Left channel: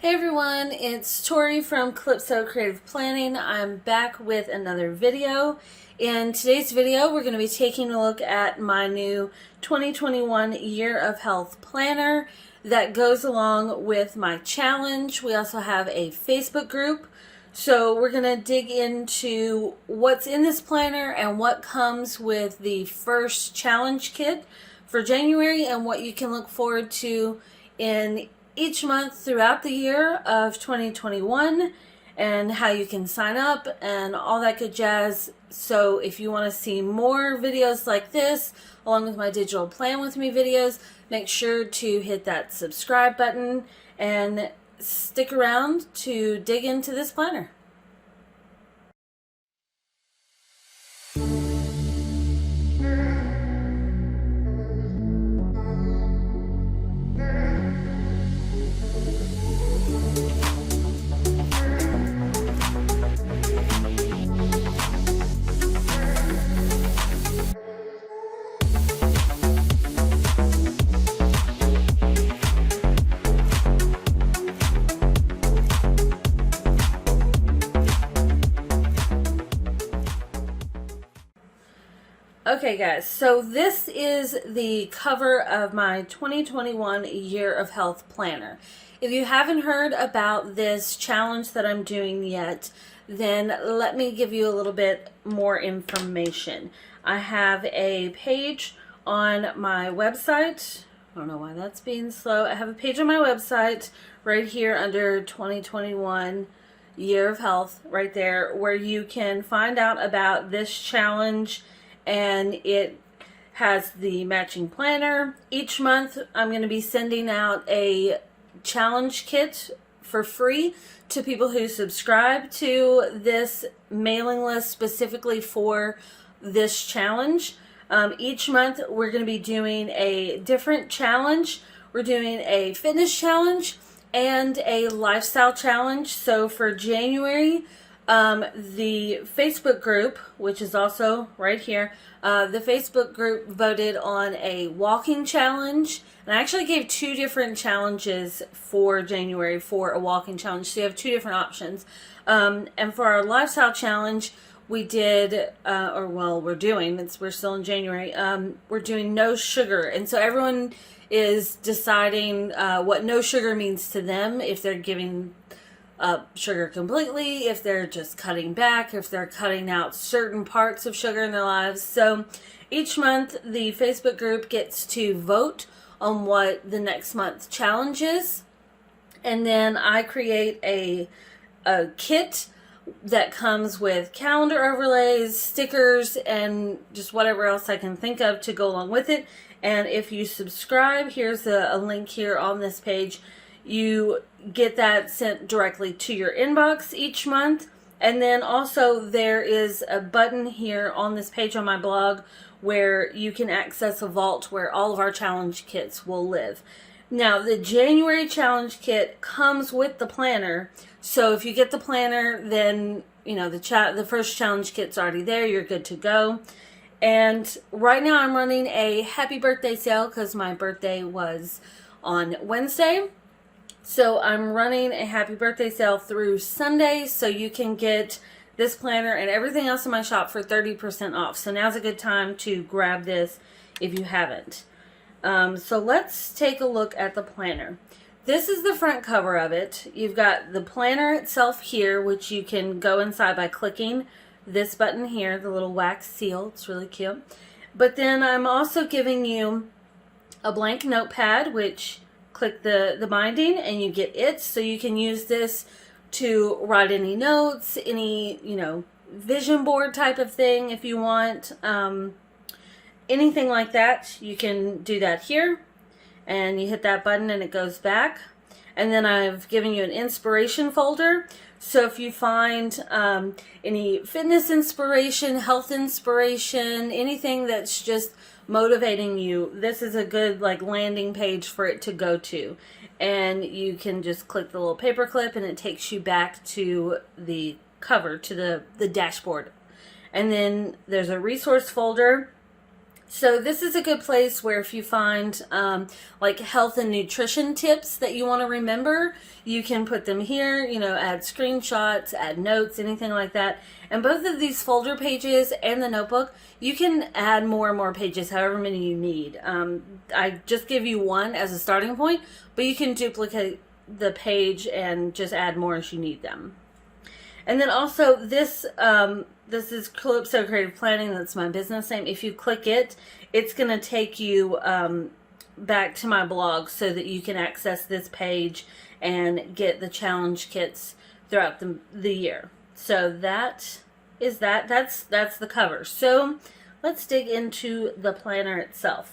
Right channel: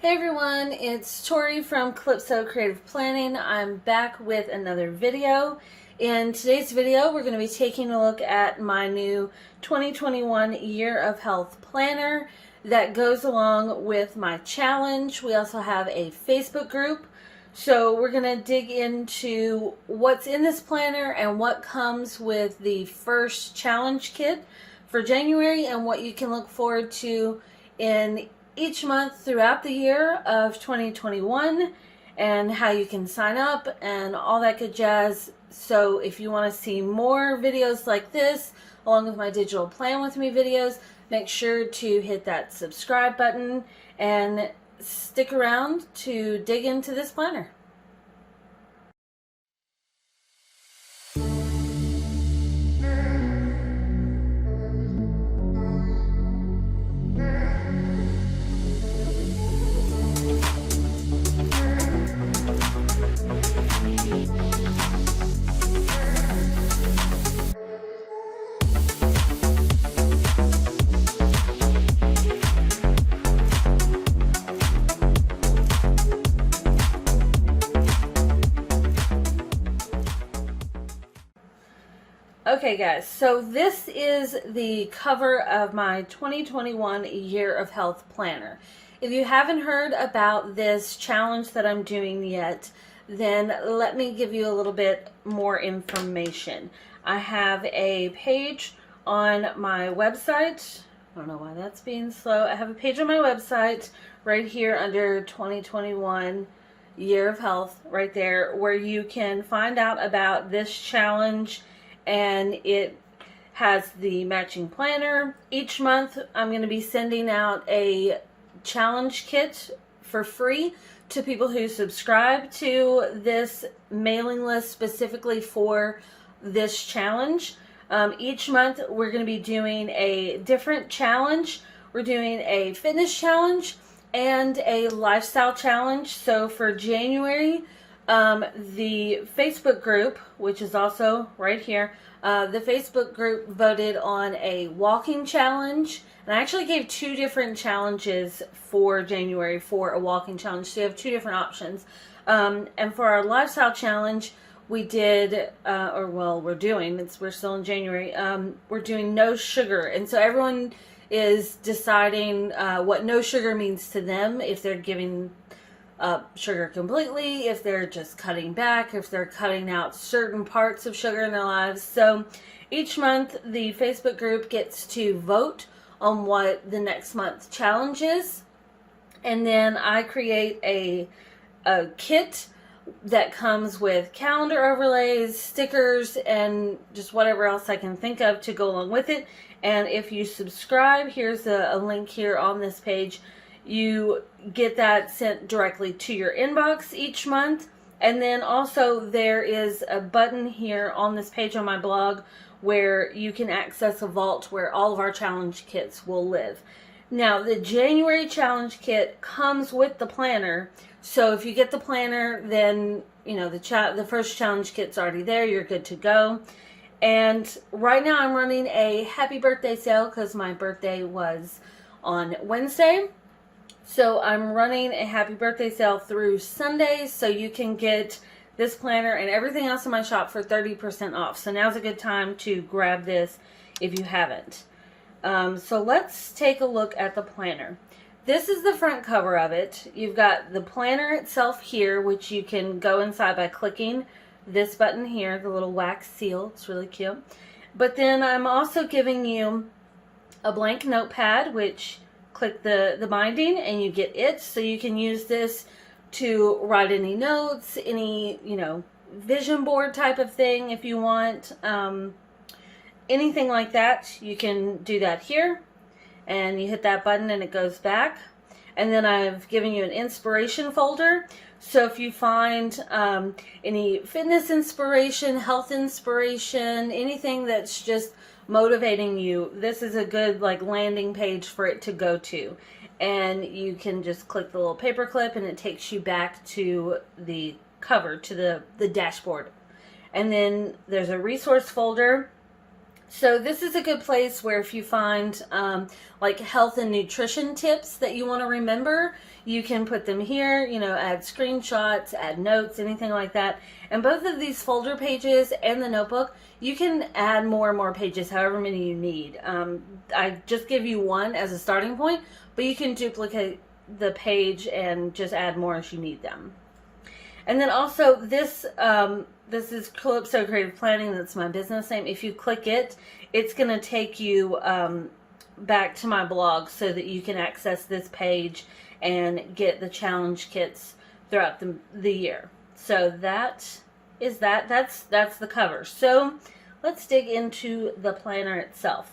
Hey everyone, it's Tori from Calypso Creative Planning. I'm back with another video. In today's video, we're going to be taking a look at my new 2021 Year of Health Planner that goes along with my challenge. We also have a Facebook group. So we're going to dig into what's in this planner and what comes with the first challenge kit for January and what you can look forward to in each month throughout the year of 2021 and how you can sign up and all that good jazz. So if you want to see more videos like this along with my digital plan with me videos, make sure to hit that subscribe button and stick around to dig into this planner. Okay guys, so this is the cover of my 2021 Year of Health Planner. If you haven't heard about this challenge that I'm doing yet, then let me give you a little bit more information. I have a page on my website. I don't know why that's being slow. I have a page on my website right here under 2021 Year of Health right there where you can find out about this challenge, and it has the matching planner. Each month I'm going to be sending out a challenge kit for free to people who subscribe to this mailing list specifically for this challenge. Each month we're going to be doing a different challenge. We're doing a fitness challenge and a lifestyle challenge. So for January, the Facebook group, which is also right here, the Facebook group voted on a walking challenge, and I actually gave two different challenges for January for a walking challenge, so you have two different options. And for our lifestyle challenge, we did, we're still in January, we're doing no sugar, and so everyone is deciding what no sugar means to them, if they're giving up sugar completely, if they're just cutting back, if they're cutting out certain parts of sugar in their lives. So each month the Facebook group gets to vote on what the next month's challenge is, and then I create a kit that comes with calendar overlays, stickers, and just whatever else I can think of to go along with it. And if you subscribe, here's a link here on this page. You get that sent directly to your inbox each month. And then also there is a button here on this page on my blog where you can access a vault where all of our challenge kits will live. Now, the January challenge kit comes with the planner. So if you get the planner, then you know the first challenge kit's already there. You're good to go. And right now I'm running a happy birthday sale because my birthday was on Wednesday. So I'm running a happy birthday sale through Sunday, so you can get this planner and everything else in my shop for 30% off. So now's a good time to grab this if you haven't. So let's take a look at the planner. This is the front cover of it. You've got the planner itself here, which you can go inside by clicking this button here, the little wax seal. It's really cute. But then I'm also giving you a blank notepad, which click the binding and you get it, so you can use this to write any notes, any vision board type of thing if you want, anything like that. You can do that here, and you hit that button and it goes back. And then I've given you an inspiration folder, so if you find any fitness inspiration, health inspiration, anything that's just motivating you, this is a good landing page for it to go to. And you can just click the little paper clip and it takes you back to the cover, to the dashboard. And then there's a resource folder So this is a good place where if you find like health and nutrition tips that you want to remember, you can put them here, you know, add screenshots, add notes, anything like that. And both of these folder pages and the notebook, you can add more and more pages, however many you need. I just give you one as a starting point, but you can duplicate the page and just add more as you need them. And then also this is Calypso Creative Planning. That's my business name. If you click it, it's going to take you back to my blog so that you can access this page and get the challenge kits throughout the year. So that is that. That's the cover. So let's dig into the planner itself.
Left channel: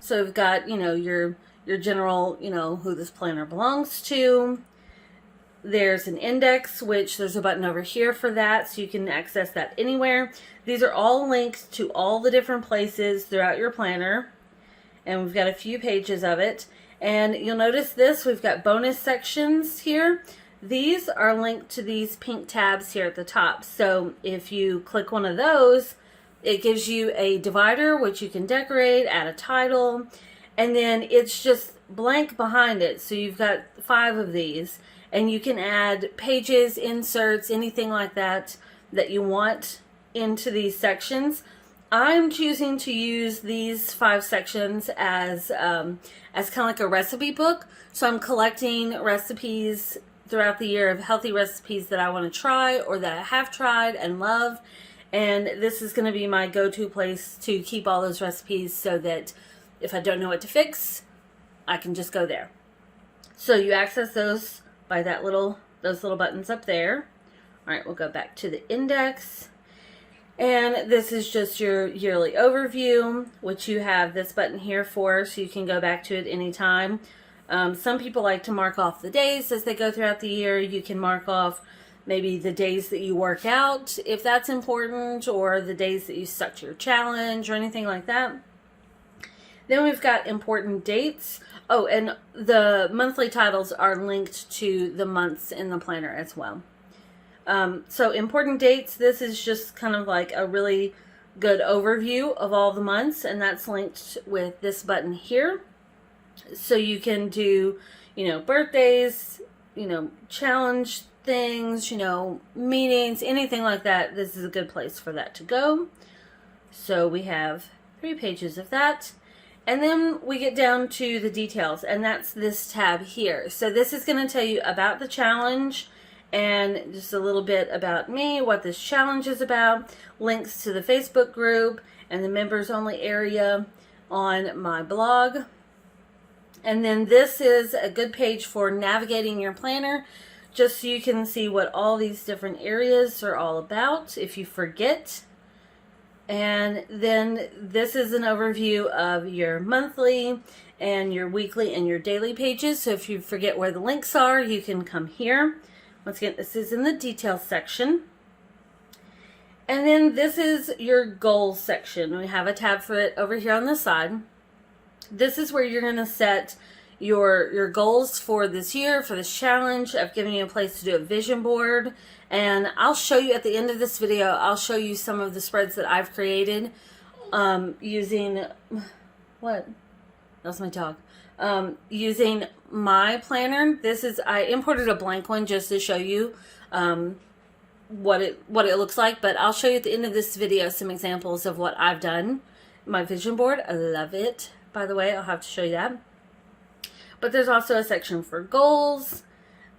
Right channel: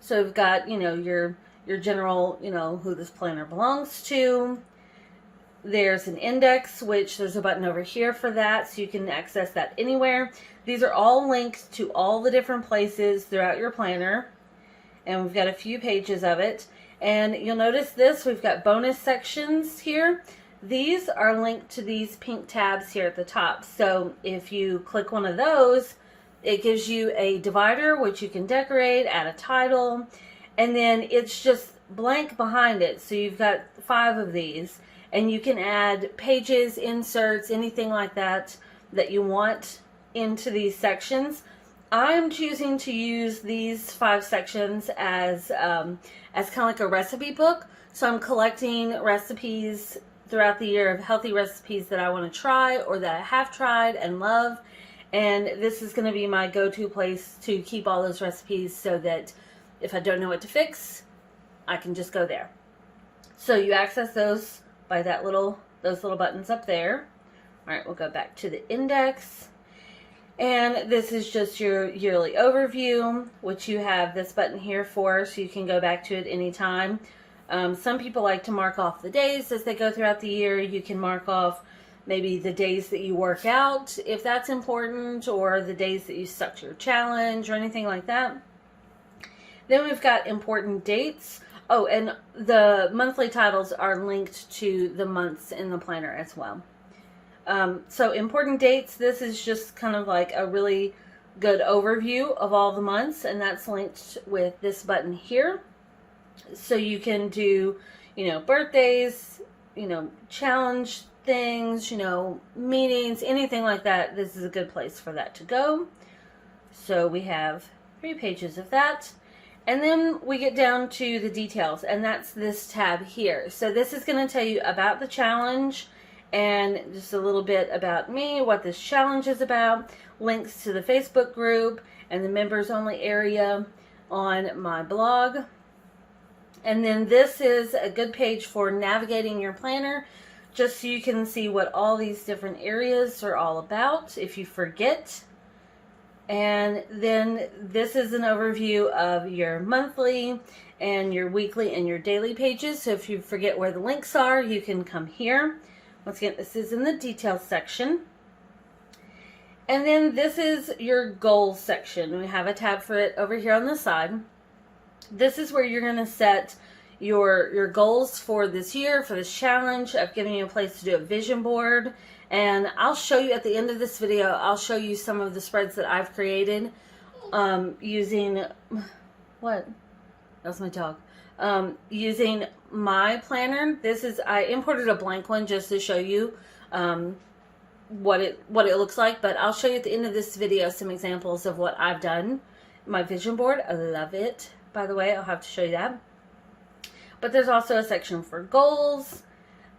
So we've got, you know, your general, you know, who this planner belongs to. There's an index, which there's a button over here for that, so you can access that anywhere. These are all linked to all the different places throughout your planner, and we've got a few pages of it. And you'll notice this, we've got bonus sections here. These are linked to these pink tabs here at the top. So if you click one of those, it gives you a divider, which you can decorate, add a title, and then it's just blank behind it. So you've got 5 of these. And you can add pages, inserts, anything like that that you want into these sections. I'm choosing to use these 5 sections as kind of like a recipe book. So I'm collecting recipes throughout the year of healthy recipes that I want to try or that I have tried and love. And this is going to be my go-to place to keep all those recipes so that if I don't know what to fix, I can just go there. So you access those by those little buttons up there. All right, we'll go back to the index. And this is just your yearly overview, which you have this button here for, so you can go back to it anytime. Some people like to mark off the days as they go throughout the year. You can mark off maybe the days that you work out, if that's important, or the days that you stuck to your challenge or anything like that. Then we've got important dates. Oh, and the monthly titles are linked to the months in the planner as well. So important dates, this is just kind of like a really good overview of all the months, and that's linked with this button here. So you can do, you know, birthdays, you know, challenge things, you know, meetings, anything like that. This is a good place for that to go. So we have 3 pages of that. And then we get down to the details, and that's this tab here. So this is going to tell you about the challenge and just a little bit about me, what this challenge is about, links to the Facebook group and the members only area on my blog. And then this is a good page for navigating your planner, just so you can see what all these different areas are all about if you forget. And then this is an overview of your monthly and your weekly and your daily pages. So if you forget where the links are, you can come here. Once again, this is in the details section. And then this is your goals section. We have a tab for it over here on the side. This is where you're going to set your goals for this year, for this challenge. I've given you a place to do a vision board. And I'll show you at the end of this video, I'll show you some of the spreads that I've created using, what? That's my dog. Using my planner. I imported a blank one just to show you what it looks like. But I'll show you at the end of this video some examples of what I've done. My vision board, I love it. By the way, I'll have to show you that. But there's also a section for goals,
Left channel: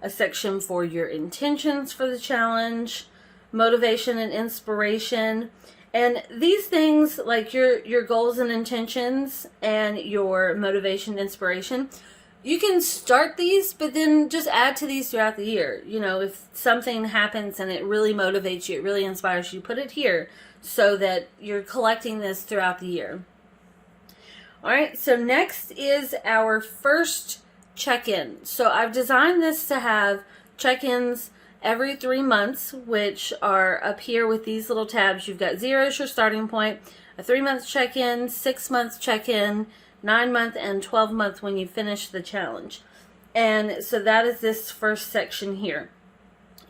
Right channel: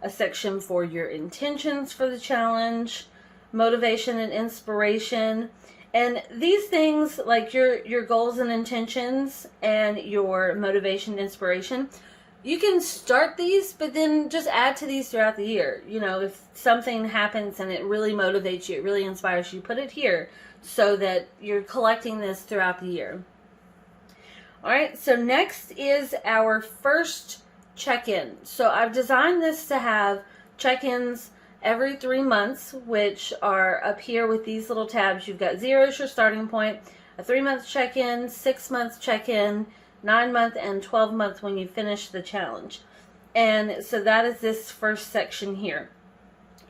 a section for your intentions for the challenge, motivation and inspiration. And these things, like your goals and intentions and your motivation and inspiration, you can start these, but then just add to these throughout the year. You know, if something happens and it really motivates you, it really inspires you, put it here so that you're collecting this throughout the year. All right, so next is our first check-in. So I've designed this to have check-ins every 3 months, which are up here with these little tabs. You've got 0 is your starting point, a 3-month check-in, 6-month check-in, 9-month, and 12-month when you finish the challenge. And so that is this first section here.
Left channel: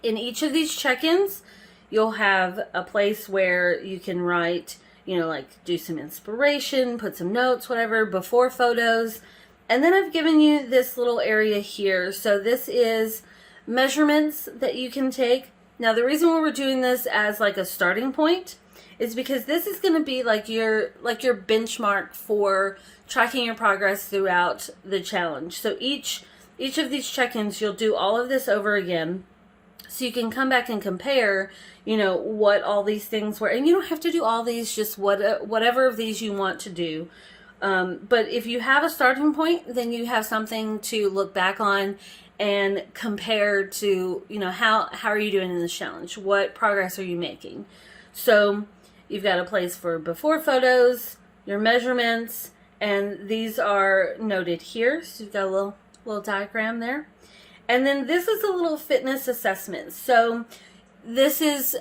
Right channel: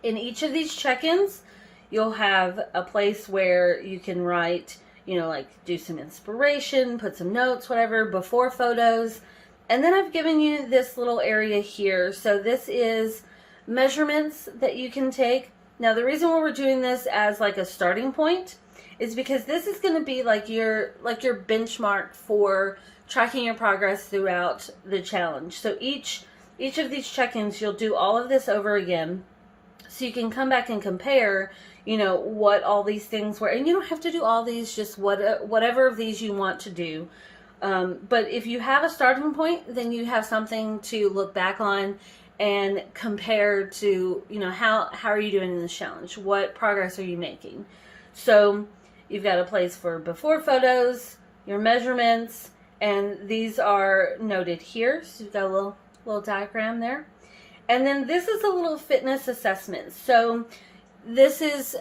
In each of these check-ins, you'll have a place where you can write you know, like do some inspiration, put some notes, whatever, before photos. And then I've given you this little area here. So this is measurements that you can take. Now the reason why we're doing this as like a starting point is because this is going to be like your benchmark for tracking your progress throughout the challenge. So each of these check-ins, you'll do all of this over again, so you can come back and compare, you know, what all these things were. And you don't have to do all these, just whatever of these you want to do. But if you have a starting point, then you have something to look back on and compare to, you know, how are you doing in this challenge? What progress are you making? So you've got a place for before photos, your measurements, and these are noted here. So you've got a little diagram there. And then this is a little fitness assessment. So this is,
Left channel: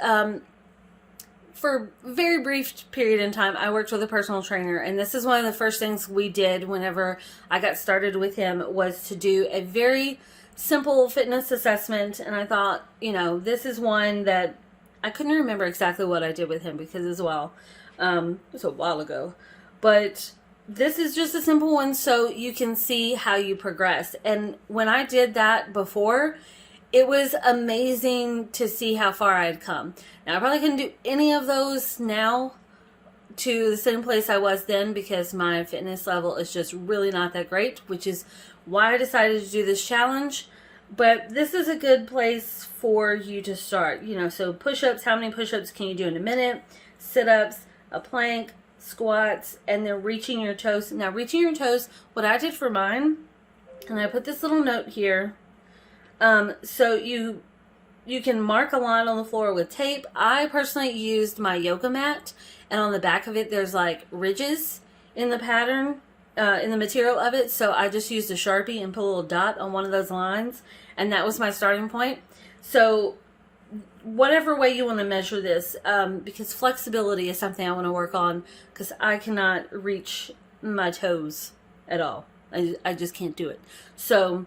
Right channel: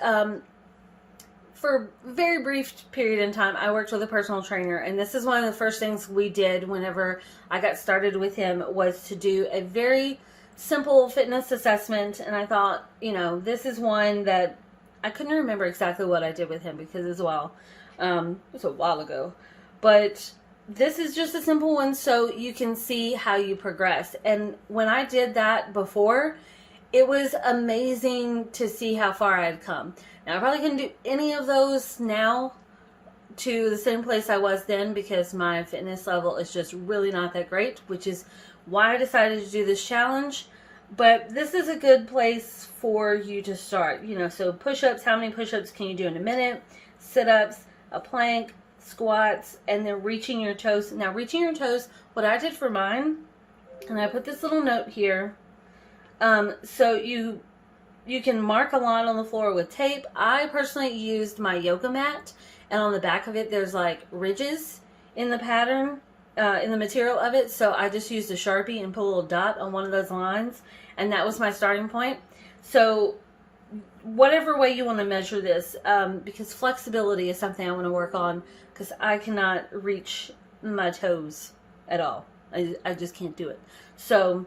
for a very brief period in time, I worked with a personal trainer, and this is one of the first things we did whenever I got started with him, was to do a very simple fitness assessment. And I thought, you know, this is one that I couldn't remember exactly what I did with him because as well, it was a while ago, but this is just a simple one so you can see how you progress. And when I did that before, it was amazing to see how far I had come. Now I probably couldn't do any of those now to the same place I was then, because my fitness level is just really not that great, which is why I decided to do this challenge. But this is a good place for you to start. You know, so push-ups, how many push-ups can you do in a minute? Sit-ups, a plank, squats, and then reaching your toes. Now reaching your toes, what I did for mine, and I put this little note here, so you can mark a line on the floor with tape. I personally used my yoga mat, and on the back of it there's like ridges in the pattern, in the material of it, so I just used a Sharpie and put a little dot on one of those lines, and that was my starting point. So whatever way you want to measure this, because flexibility is something I want to work on, because I cannot reach my toes at all. I just can't do it. So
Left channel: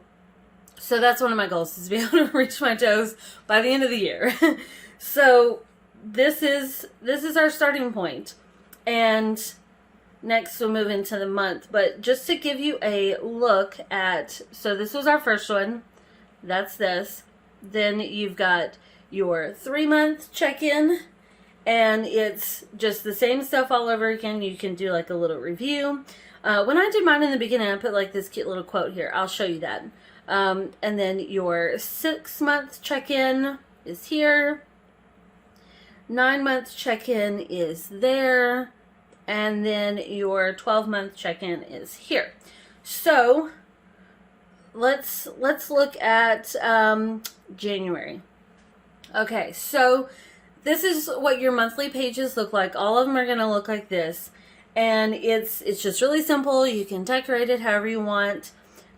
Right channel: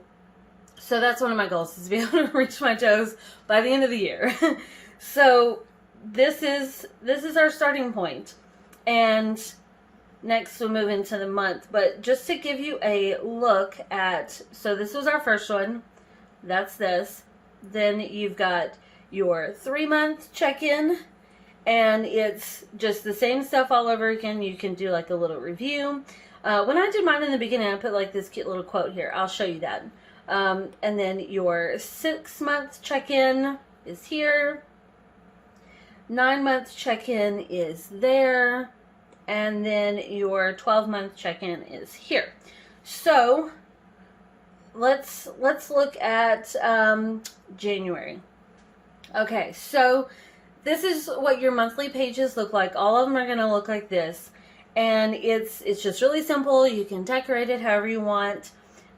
that's one of my goals, is to be able to reach my toes by the end of the year. So this is our starting point. And next we'll move into the month. But just to give you a look at, so this was our first one. That's this. Then you've got your 3-month check-in, and it's just the same stuff all over again. You can do like a little review. When I did mine in the beginning, I put like this cute little quote here. I'll show you that. And then your 6-month check-in is here. 9-month check-in is there. And then your 12-month check-in is here. So let's look at January. Okay, so this is what your monthly pages look like. All of them are going to look like this. And it's just really simple. You can decorate it however you want.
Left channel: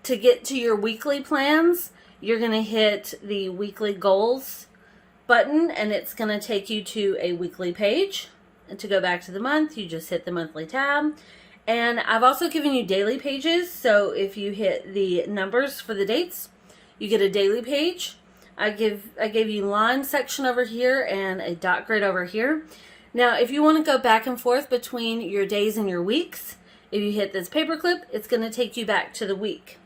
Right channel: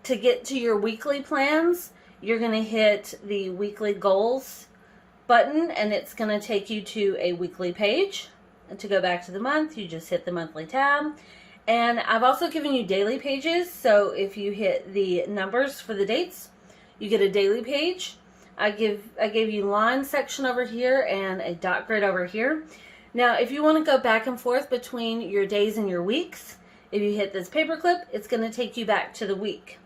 To get to your weekly plans, you're going to hit the weekly goals button, and it's going to take you to a weekly page. And to go back to the month, you just hit the monthly tab. And I've also given you daily pages. So if you hit the numbers for the dates, you get a daily page. I gave you line section over here and a dot grid over here. Now, if you want to go back and forth between your days and your weeks, if you hit this paperclip, it's going to take you back to the week.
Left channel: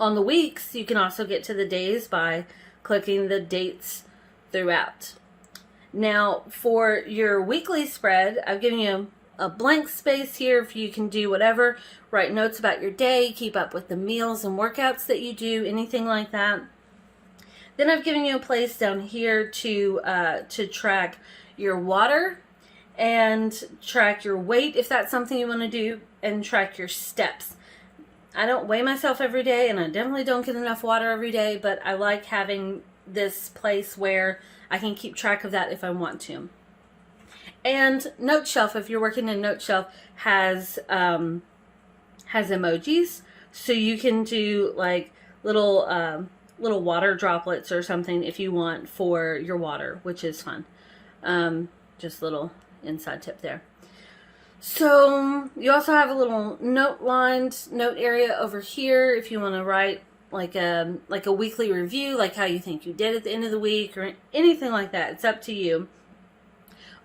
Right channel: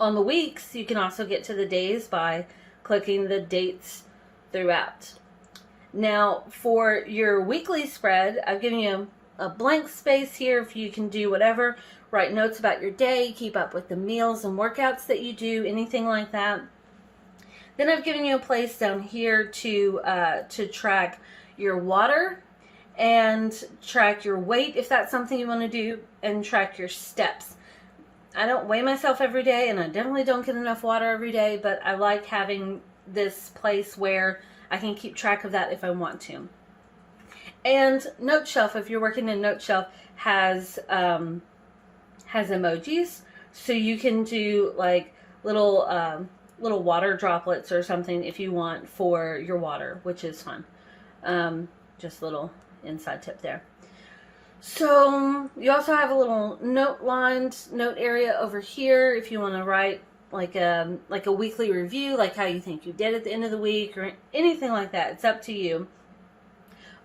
On the weeks, you can also get to the days by clicking the dates throughout. Now, for your weekly spread, I've given you a blank space here if you can do whatever. Write notes about your day, keep up with the meals and workouts that you do, anything like that. Then I've given you a place down here to track your water and track your weight if that's something you want to do, and track your steps. I don't weigh myself every day, and I definitely don't get enough water every day, but I like having this place where I can keep track of that if I want to. And Note Shelf, if you're working in Note Shelf, has emojis, so you can do like little water droplets or something if you want for your water, which is fun. Just a little inside tip there. So you also have a little note area over here if you want to write like a weekly review, like how you think you did at the end of the week or anything like that. It's up to you.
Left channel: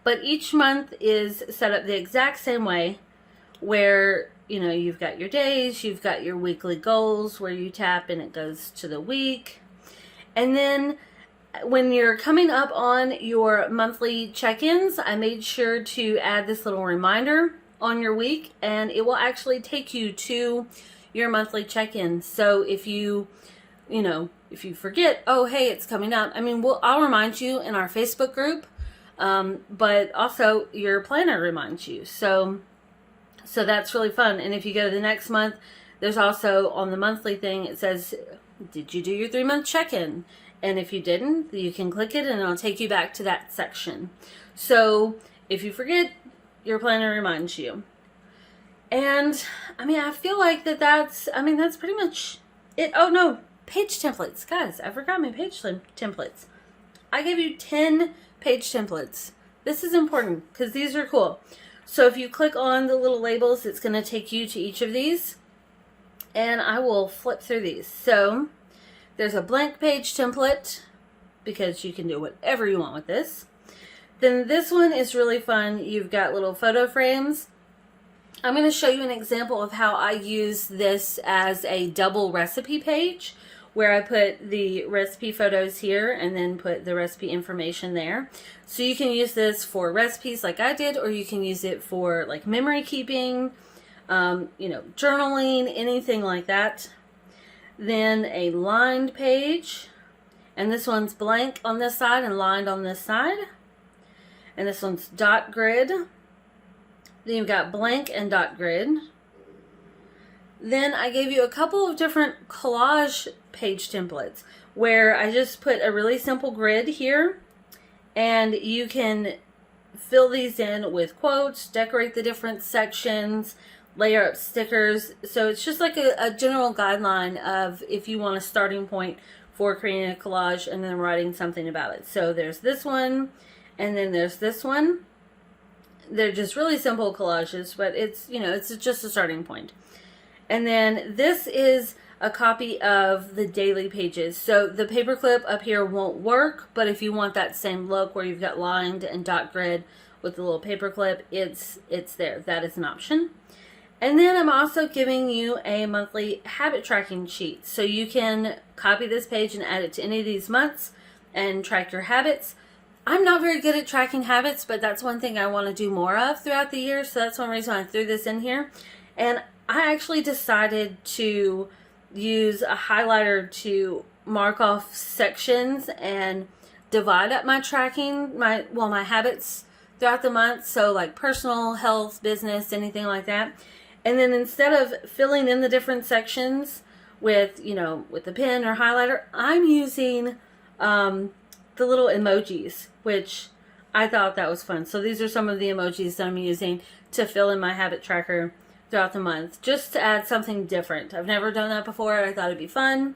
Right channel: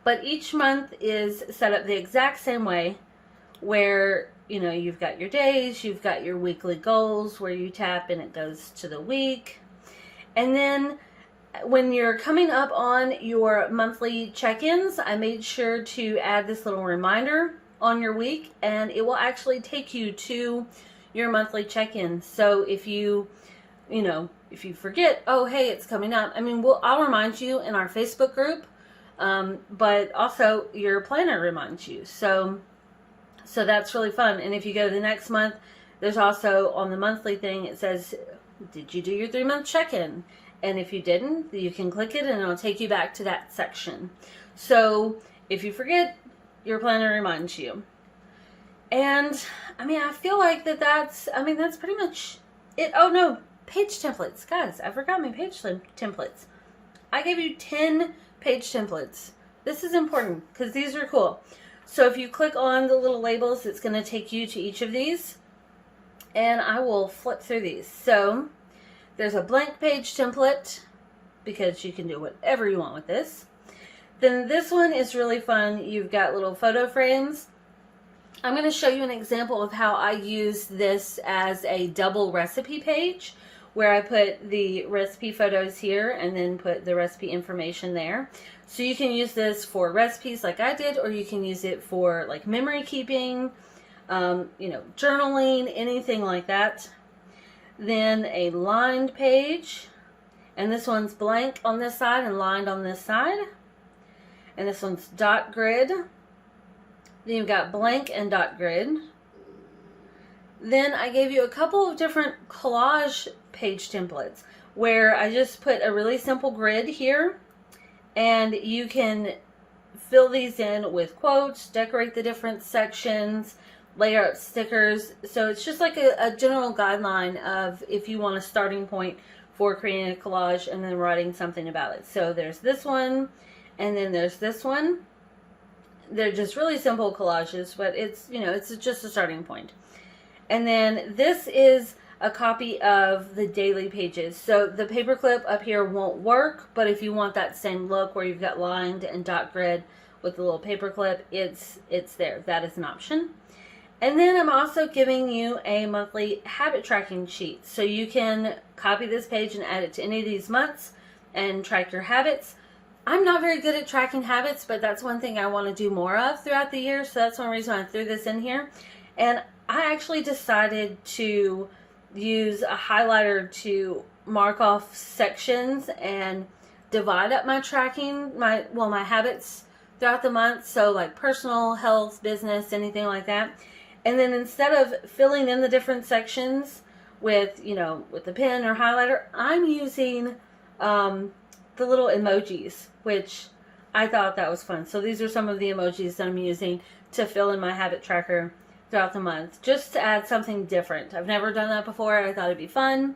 But each month is set up the exact same way, where you've got your days, you've got your weekly goals where you tap and it goes to the week. And then when you're coming up on your monthly check-ins, I made sure to add this little reminder on your week, and it will actually take you to your monthly check-ins. So if you forget, oh, hey, it's coming up, I'll remind you in our Facebook group, but also your planner reminds you. So that's really fun. And if you go to the next month, there's also on the monthly thing, it says, did you do your 3-month check-in? And if you didn't, you can click it and it'll take you back to that section. So if you forget, your planner reminds you. And I feel like that's pretty much it. Oh no, page templates. Guys, I forgot my page templates. I gave you 10 page templates. This is important because these are cool. So if you click on the little labels, it's going to take you to each of these. And I will flip through these. So there's a blank page template because you can do whatever you want with this. Then this one is really fun. You've got little photo frames. I'm going to show you an example of how I use this as a double recipe page, where I put the recipe photos here and then put the recipe information there. So you can use this for recipes like I did, or you can use it for like memory keeping, journaling, anything like that. Then a lined page, and this one's blank on this side and lined on this side. And this one's dot grid. Then you've got blank and dot grid. Then I gave you a couple of different collage page templates where I just put a really simple grid here, and you can fill these in with quotes, decorate the different sections, layer up stickers. So it's just like a general guideline of if you want a starting point for creating a collage and then writing something about it. So there's this one, and then there's this one. They're just really simple collages, but it's just a starting point. And then this is a copy of the daily pages. So the paperclip up here won't work, but if you want that same look where you've got lined and dot grid with the little paperclip, it's there. That is an option. And then I'm also giving you a monthly habit tracking sheet. So you can copy this page and add it to any of these months and track your habits. I'm not very good at tracking habits, but that's one thing I want to do more of throughout the year. So that's one reason I threw this in here. And I actually decided to use a highlighter to mark off sections and divide up my tracking, my habits throughout the month. So like personal, health, business, anything like that. And then instead of filling in the different sections with the pen or highlighter, I'm using the little emojis, which I thought that was fun. So these are some of the emojis that I'm using to fill in my habit tracker throughout the month, just to add something different. I've never done that before. I thought it'd be fun.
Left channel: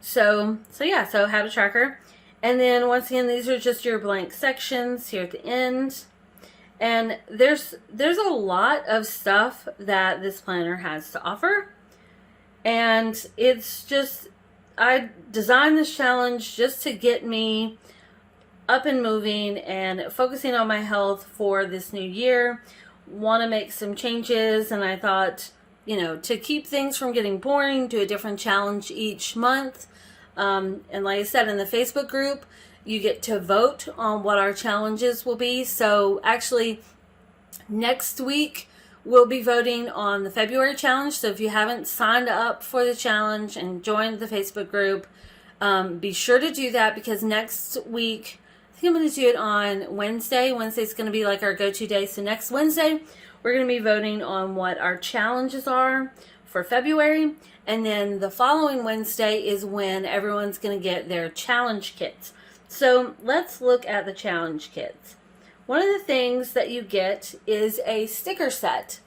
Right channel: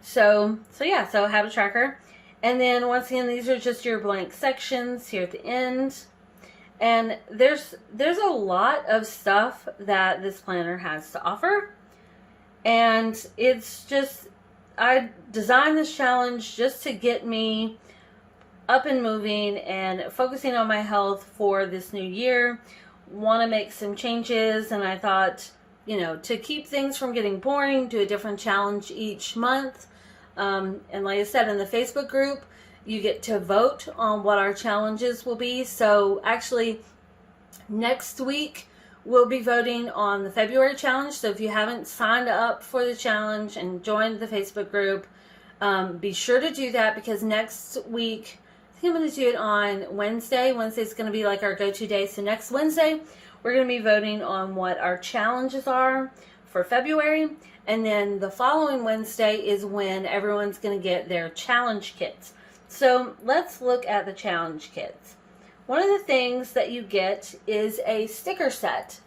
So habit tracker. And then once again, these are just your blank sections here at the end. And there's a lot of stuff that this planner has to offer. And it's just, I designed this challenge just to get me up and moving and focusing on my health for this new year. Want to make some changes, and I thought, to keep things from getting boring, do a different challenge each month. And like I said, in the Facebook group, you get to vote on what our challenges will be. So actually, next week, we'll be voting on the February challenge. So if you haven't signed up for the challenge and joined the Facebook group, be sure to do that, because next week, I think I'm going to do it on Wednesday. Wednesday's going to be like our go-to day. So next Wednesday, we're going to be voting on what our challenges are for February. And then the following Wednesday is when everyone's going to get their challenge kits. So let's look at the challenge kits. One of the things that you get is a sticker set.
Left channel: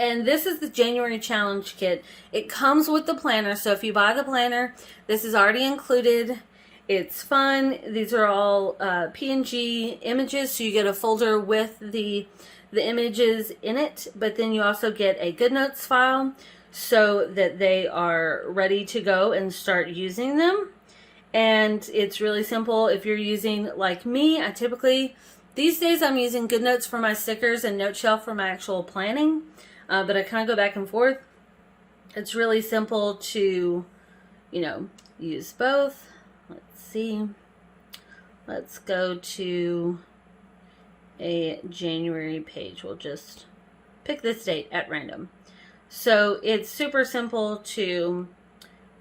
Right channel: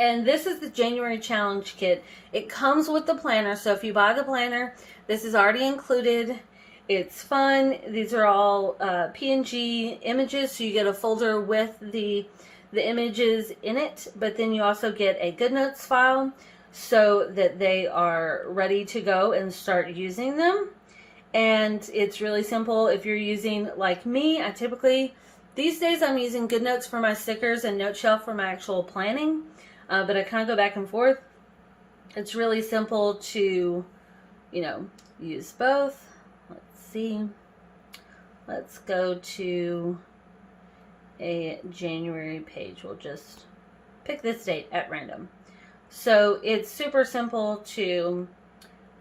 And this is the January challenge kit. It comes with the planner. So if you buy the planner, this is already included. It's fun. These are all PNG images. So you get a folder with the images in it. But then you also get a GoodNotes file so that they are ready to go and start using them. And it's really simple. If you're using, like me, I typically These days I'm using GoodNotes for my stickers and NoteShelf for my actual planning, but I kind of go back and forth. It's really simple to, use both. Let's see. Let's go to a January page. We'll just pick this date at random. So it's super simple to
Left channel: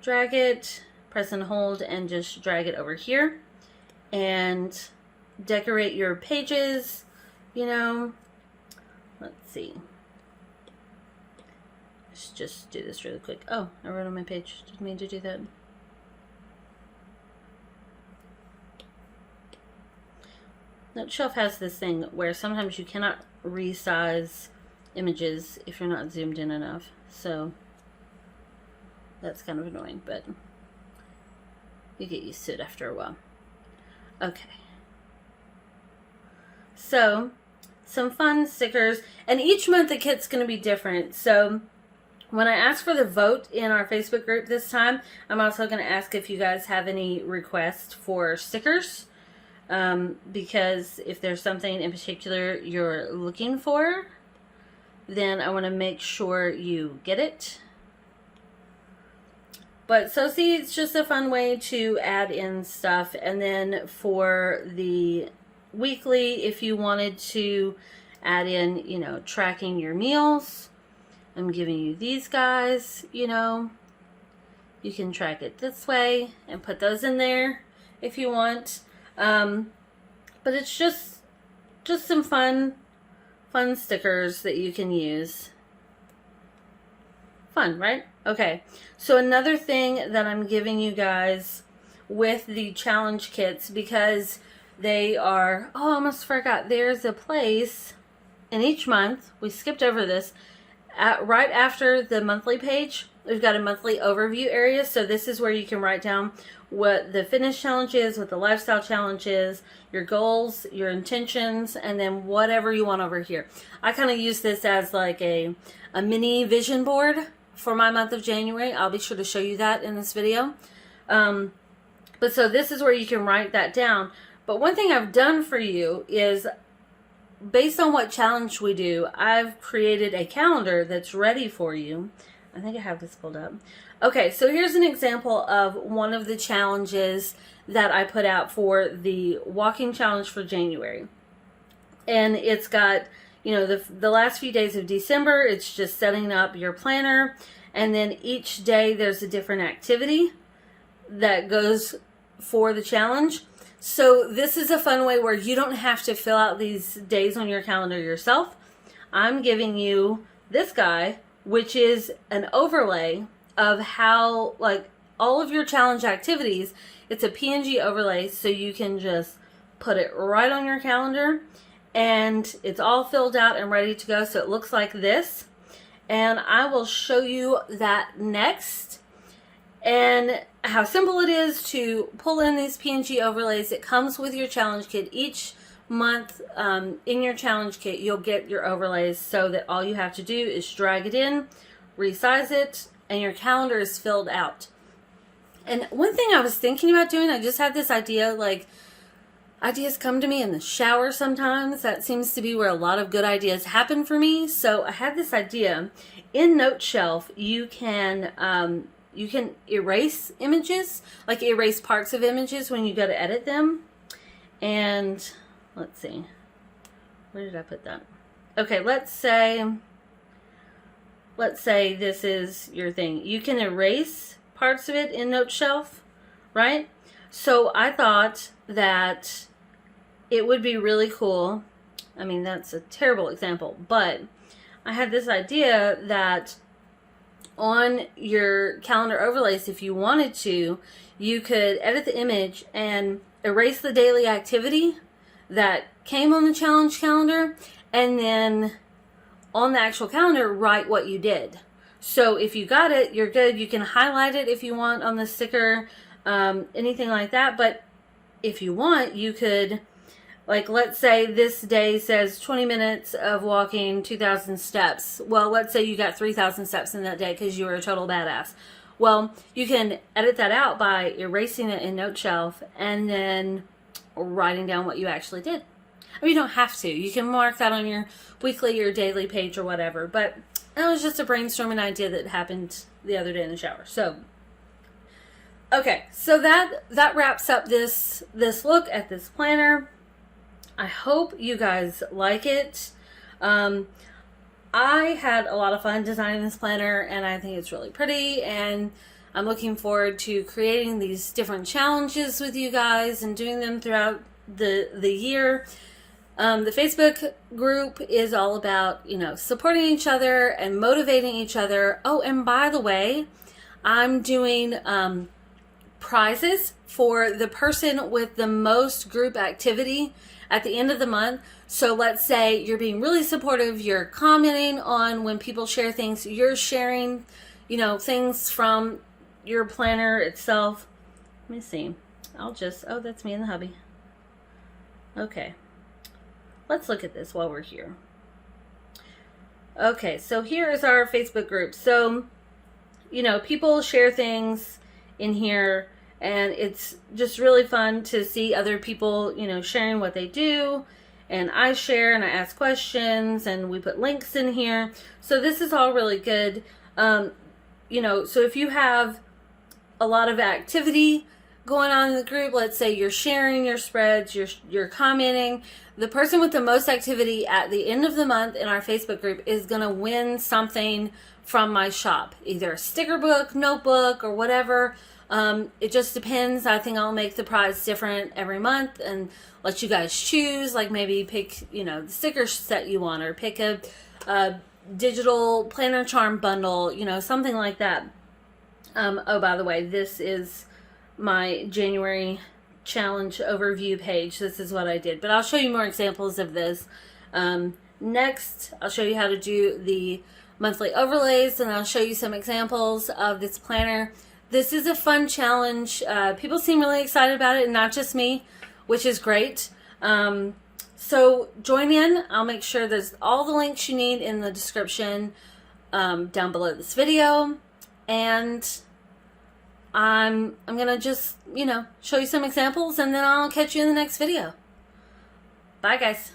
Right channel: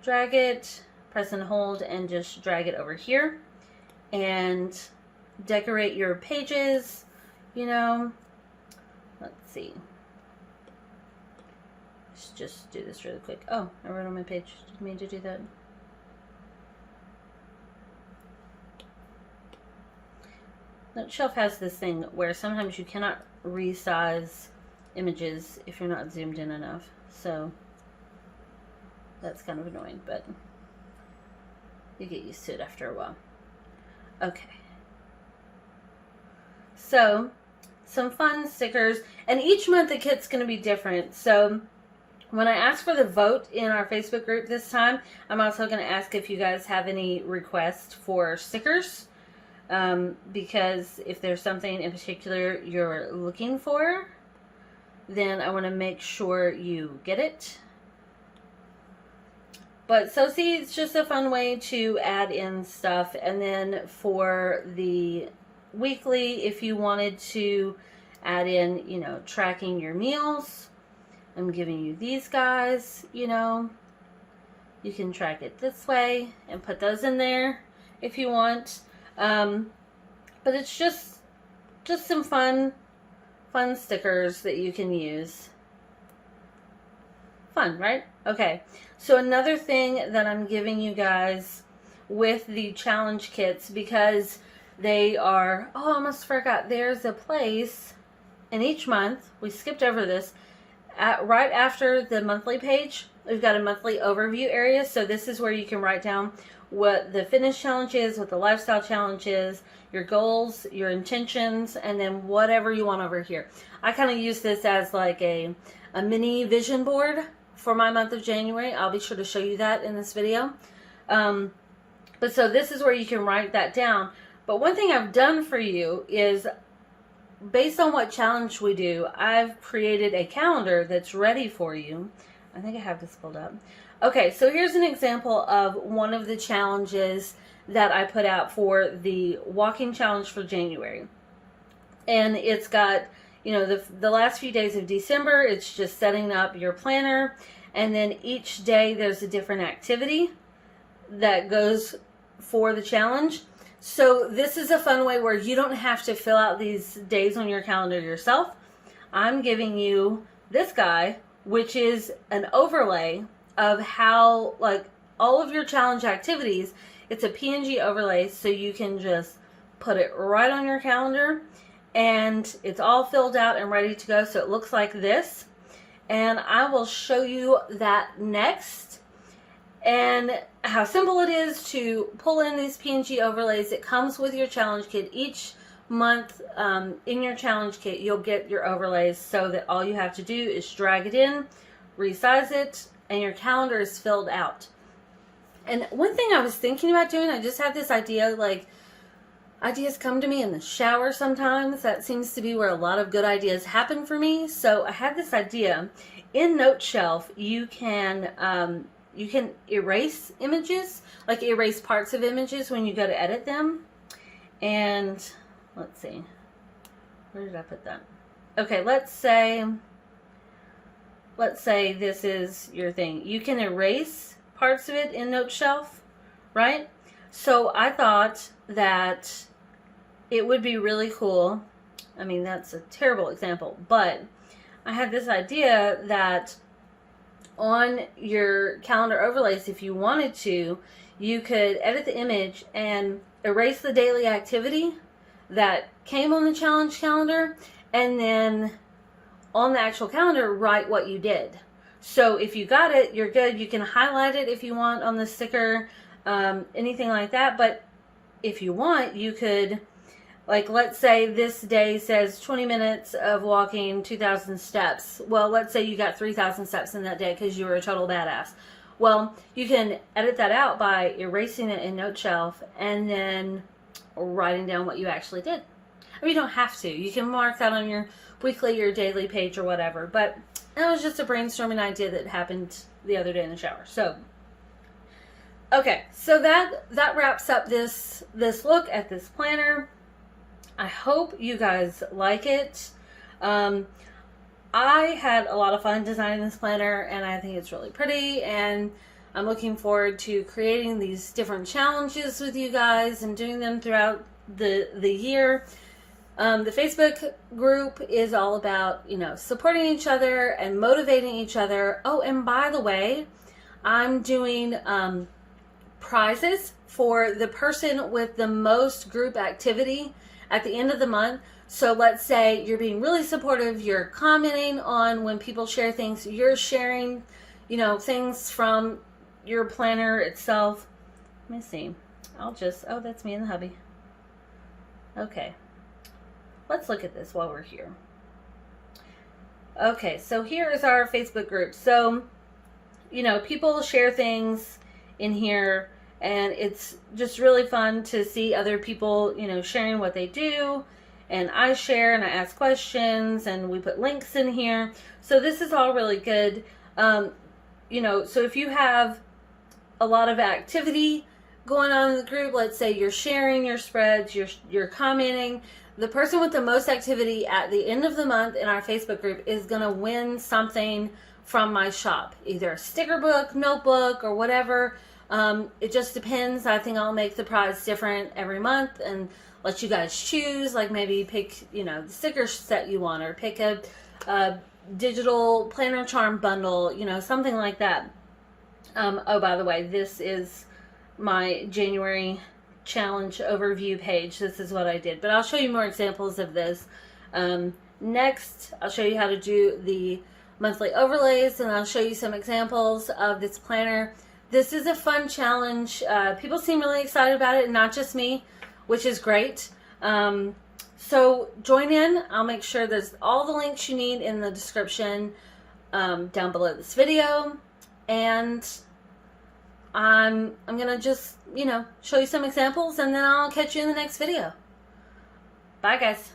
drag it, press and hold, and just drag it over here and decorate your pages, Let's see. Let's just do this really quick. Oh, I wrote on my page. Didn't mean to do that. NoteShelf has this thing where sometimes you cannot resize images if you're not zoomed in enough. So that's kind of annoying, but you get used to it after a while. Okay. So some fun stickers, and each month the kit's going to be different. So when I ask for the vote in our Facebook group this time, I'm also going to ask if you guys have any requests for stickers. Because if there's something in particular you're looking for, then I want to make sure you get it. But so see, it's just a fun way to add in stuff. And then for the weekly, if you wanted to add in, tracking your meals, I'm giving you these guys, you can track it this way and put those in there if you want. But it's just some fun stickers that you can use. Fun, right? Okay. So another thing that I'm giving you guys with the challenge kits, because they are, I almost forgot, there's a place in each month, we skipped over this, right after the monthly page, we've got a monthly overview area. So this is where you can write down what the fitness challenge is, what the lifestyle challenge is, your goals, your intentions, and then whatever you want over here. I kind of use this as like a mini vision board for my month of January. I'll be sure to show you that in this video. But so this is where you can write that down. But one thing I've done for you is, based on what challenge we do, I've created a calendar that's ready for you. I think I have this pulled up. Okay, so here's an example of one of the challenges that I put out for the walking challenge for January. And it's got, the last few days of December, it's just setting up your planner. And then each day there's a different activity that goes for the challenge. So this is a fun way where you don't have to fill out these days on your calendar yourself. I'm giving you this guy, which is an overlay of how, all of your challenge activities. It's a PNG overlay, so you can just put it right on your calendar, and it's all filled out and ready to go. So it looks like this, and I will show you that next, and how simple it is to pull in these PNG overlays. It comes with your challenge kit. Each month in your challenge kit, you'll get your overlays, so that all you have to do is drag it in, resize it, and your calendar is filled out. And one thing I was thinking about doing, I just had this idea, ideas come to me in the shower sometimes. That seems to be where a lot of good ideas happen for me. So I had this idea. In NoteShelf, you can erase images, erase parts of images when you go to edit them. And let's see, where did I put that? Okay, let's say this is your thing. You can erase parts of it in NoteShelf, right? So I thought that it would be really cool. I mean, that's a terrible example, but I had this idea that on your calendar overlays, if you wanted to, you could edit the image and erase the daily activity that came on the challenge calendar, and then on the actual calendar, write what you did. So if you got it, you're good. You can highlight it if you want on the sticker, anything like that. But if you want, you could, let's say this day says 20 minutes of walking, 2,000 steps. Well, let's say you got 3,000 steps in that day because you were a total badass. Well, you can edit that out by erasing it in NoteShelf and then writing down what you actually did. I mean, you don't have to. You can mark that on your weekly or daily page or whatever. But it was just a brainstorming idea that happened the other day in the shower. So, okay, so that wraps up this look at this planner. I hope you guys like it. I had a lot of fun designing this planner, and I think it's really pretty, and I'm looking forward to creating these different challenges with you guys and doing them throughout the year. The Facebook group is all about, supporting each other and motivating each other. Oh, and by the way, I'm doing prizes for the person with the most group activity at the end of the month. So let's say you're being really supportive, you're commenting on when people share things, you're sharing, things from your planner itself. Let me see. Oh, that's me in the hubby. Okay. Let's look at this while we're here. Okay, so here is our Facebook group. So, people share things in here, and it's just really fun to see other people, sharing what they do. And I share and I ask questions, and we put links in here. So this is all really good. So if you have a lot of activity going on in the group, let's say you're sharing your spreads, you're commenting, the person with the most activity at the end of the month in our Facebook group is going to win something from my shop, either a sticker book, notebook, or whatever. It just depends. I think I'll make the prize different every month and let you guys choose, like maybe pick, the sticker set you want, or pick a digital planner charm bundle, something like that. Oh, by the way, this is my January challenge overview page. This is what I did, but I'll show you more examples of this. Next, I'll show you how to do the monthly overlays, and I'll show you some examples of this planner. This is a fun challenge. People seem really excited about it, and not just me, which is great. So join in. I'll make sure there's all the links you need in the description down below this video. And I'm going to just, show you some examples, and then I'll catch you in the next video. Bye, guys.